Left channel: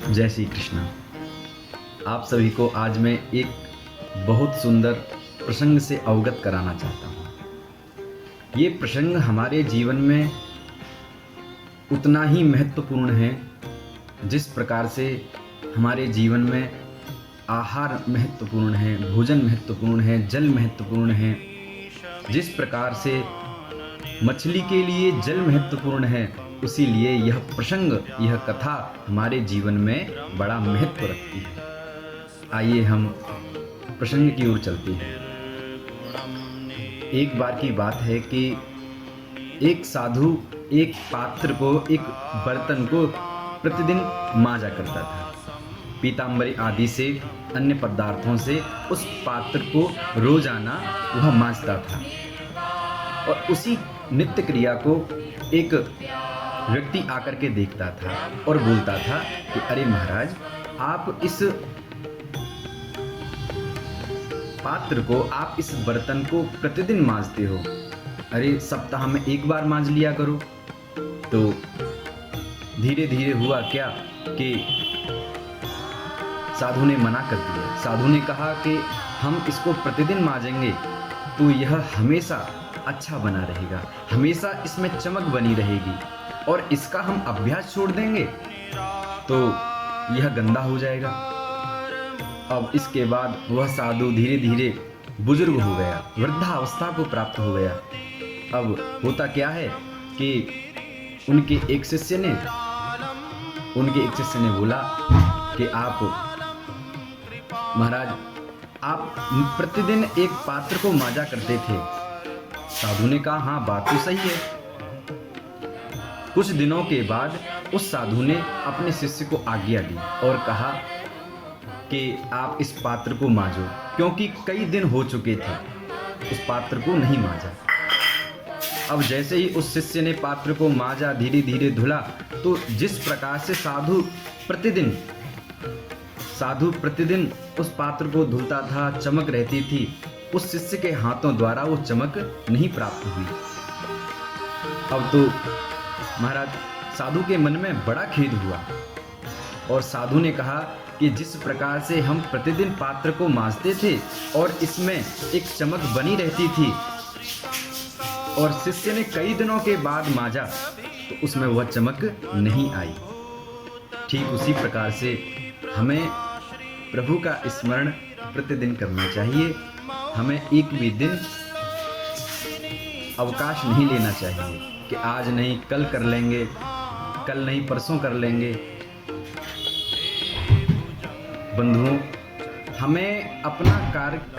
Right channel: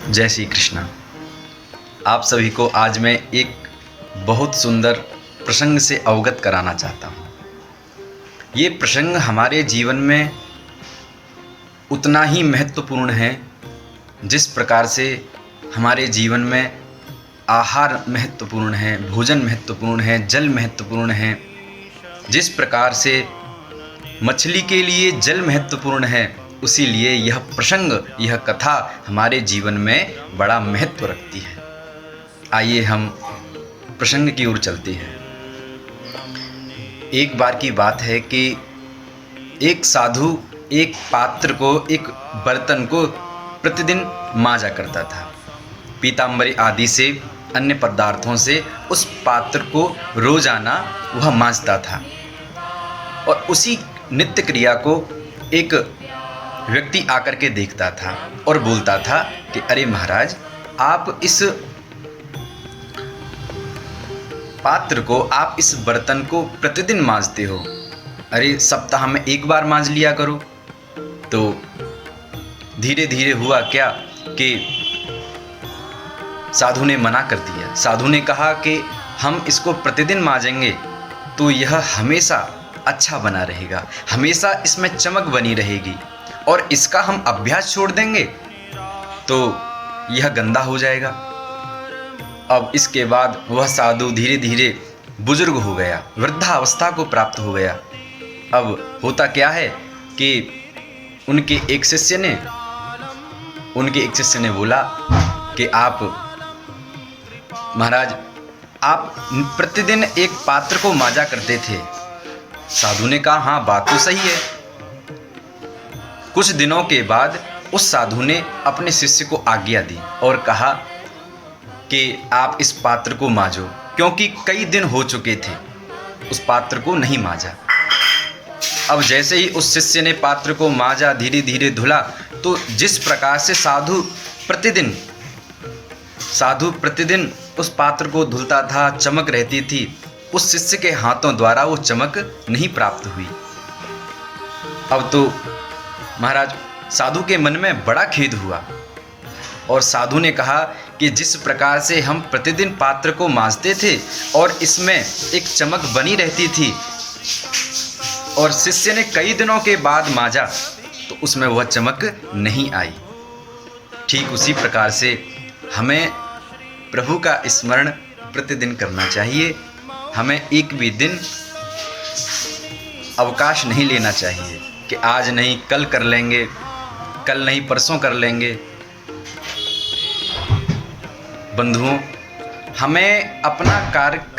जय श्री कृष्णा। आप सभी को आज मैं एक बहुत सुंदर प्रसंग से अवगत कराना चाहता हूँ। ये प्रसंग हमारे जीवन में उतना ही महत्वपूर्ण है जिस प्रकार से हमारे जीवन में आहार महत्वपूर्ण है, भोजन महत्वपूर्ण है, जल महत्वपूर्ण है। जिस प्रकार से मछली के लिए जल महत्वपूर्ण है, उसी लिए यह प्रसंग, यह कथा हमारे जीवन में बड़ा महत्व रखती है। आइए हम प्रसंग की ओर चलते हैं। एक बार की बात है कि एक साधु एक पात्र को, एक बर्तन को प्रतिदिन मांजा करता था। पीताम्बरी आदि से, अन्य पदार्थों से उस पात्र को रोजाना वह मांजता था। और उसी नित्य क्रिया को एक व्यक्ति आकर के देखता था और बोलता था कि अरे महाराज, आप इस पात्र को, आप इस बर्तन को प्रतिदिन मांजते हो, अरे सप्ताह में एक बार मांज लिया करो। तो धीरे धीरे हुआ क्या कि साधु ने मना कर दिया। साधु ने कहा कि हम इसको प्रतिदिन मांजेंगे तो यह हमेशा अच्छा बना रहेगा, हमेशा इसमें चमक बनी रहेगी, और इसका हम अभ्यास छोड़ देंगे तो यह गंदा हो जाएगा। अब इसके बाद वह साधु धीरे धीरे बुजुर्ग हो गया, वृद्धावस्था को प्राप्त हो गया। अब होता क्या है कि उनके एक शिष्य ने बोला कि आप महाराज, आप प्रतिदिन एक पात्र को मांजा करते थे। साधु ने कहा हाँ, बात तो सही है। कुछ दिनों के बाद उस साधु ने अपने शिष्य को आज्ञा दी और कहा कि आप इस पात्र को मांजो, क्योंकि कई दिन हो चुके थे उस पात्र को नहीं मांजा। अब जैसे ही उस शिष्य ने पात्र को मांजा, धीरे धीरे धुला, तो जिस प्रकार से साधु प्रतिदिन उस पात्र को धुलता था, चमक रहती थी, उस शिष्य के हाथों द्वारा वो चमक नहीं प्राप्त हुई। अब तो महाराज, साधु के मन में बड़ा खेद हुआ और साधु ने कहा कि जिस प्रकार से हम प्रतिदिन पात्र को मांजते थे और इसमें एक चमक बनी रहती थी, और शिष्य ने कई दिनों के बाद मांजा तो उसमें वह चमक नहीं आई। ठीक उसी प्रकार से हमें प्रभु का स्मरण प्रतिदिन करना चाहिए। हमें एक भी दिन अवकाश नहीं लेना चाहिए कि आज नहीं कल कर लेंगे, कल नहीं परसों कर लेंगे। बंधुओं, हमें अपना कार्य कल